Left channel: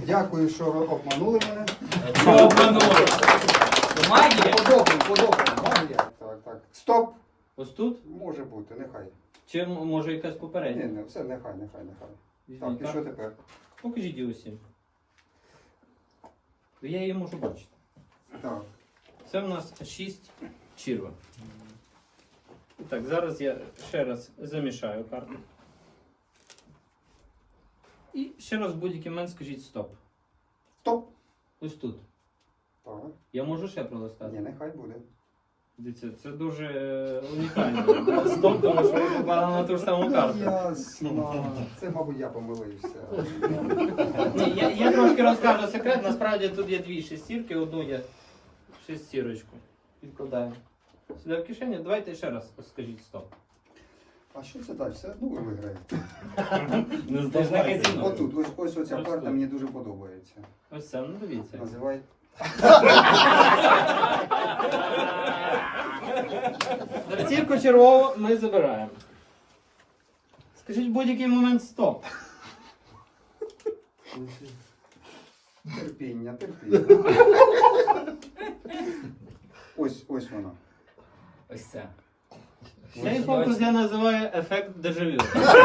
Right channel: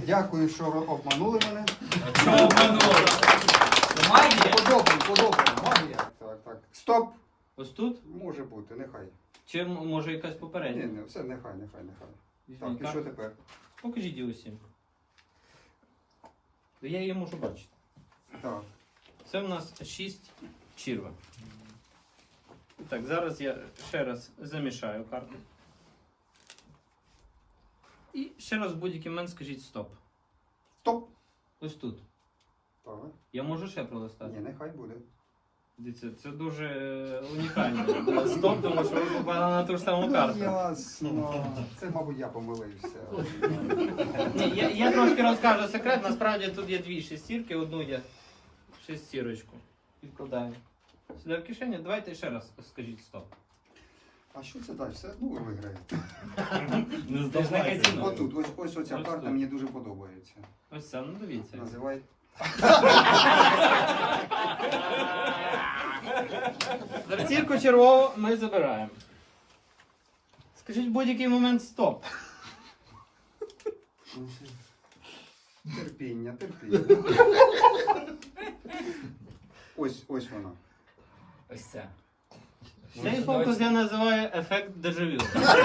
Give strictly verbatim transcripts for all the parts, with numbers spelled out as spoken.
Дякую, що обманули мене. Що обманули? То магія? Подобно, подобно. Магія. Так, так. Стоп. Ось тут? Може бути, нехай. Чи м- може якась Ні, попередня? не, все, нехай, нехай, нехай. Візьміть Так, і що карту. тепер? Покажіть її усім. Я її можу бачити. Так. Це в нас шість черва. Так, зараз я ще раз замішаю карту. І ще раз в будь-який момент скажіть стоп. Стоп. Ось тут. Так. Я можу ще пролистати? Ні, нехай буде. Дивіться, це дуже е, унікально. Стоп, тому що ви попали на ту ж саму карту. Ясно. Це, мабуть, я помилився. Ні, я, я трошки розкажу секрет. Насправді тут є дві шестірки, одну я шестірочку. Відкладаю. Сюди в кишеню. Давайте ще раз скажіть стоп. А що це далі? Все одно ви виграєте. Не здавайте. Отут, ось, ось оця Ось карта тут. мені дуже подобається. Ось це, ну дивіться. Називай. Зірку червову ми забираємо. Скажіть в будь-який момент стоп. Терпіння, терпіння. Ось, ось воно. Ось це. Цей фокус я називаю ефект дежавю.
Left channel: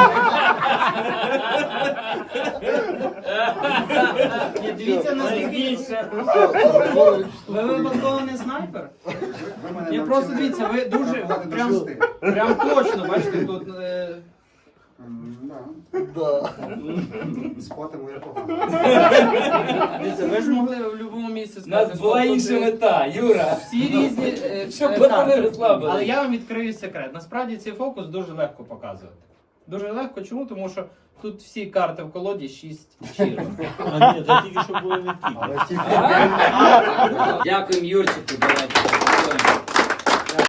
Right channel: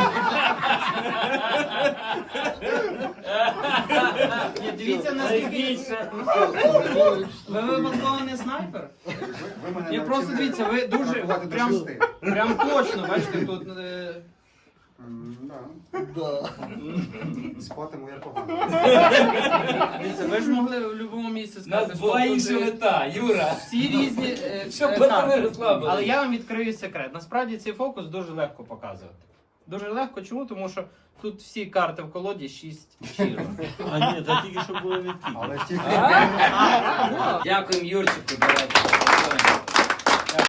Ні, дивіться наскільки. Ви випадково не снайпер? Ви, ви мене Я просто навчили дивіться, ви дуже рахувати до прям, шести. прям точно, бачите, тут. Е... М, Да. Спатиму я погано. Дивіться, ви ж могли в будь-якому місці У сказати, нас була стоп, тут, інша е, мета, Юра. всі різні е, Щоб е, пацани карти. розслабились. Але я вам відкрию секрет. Насправді цей фокус дуже легко показувати. Дуже легко. Чому? Тому що тут всі карти в колоді шість щиро. А ні, це тільки що були не ті. Але тільки... Дякуємо Юрчику. давайте.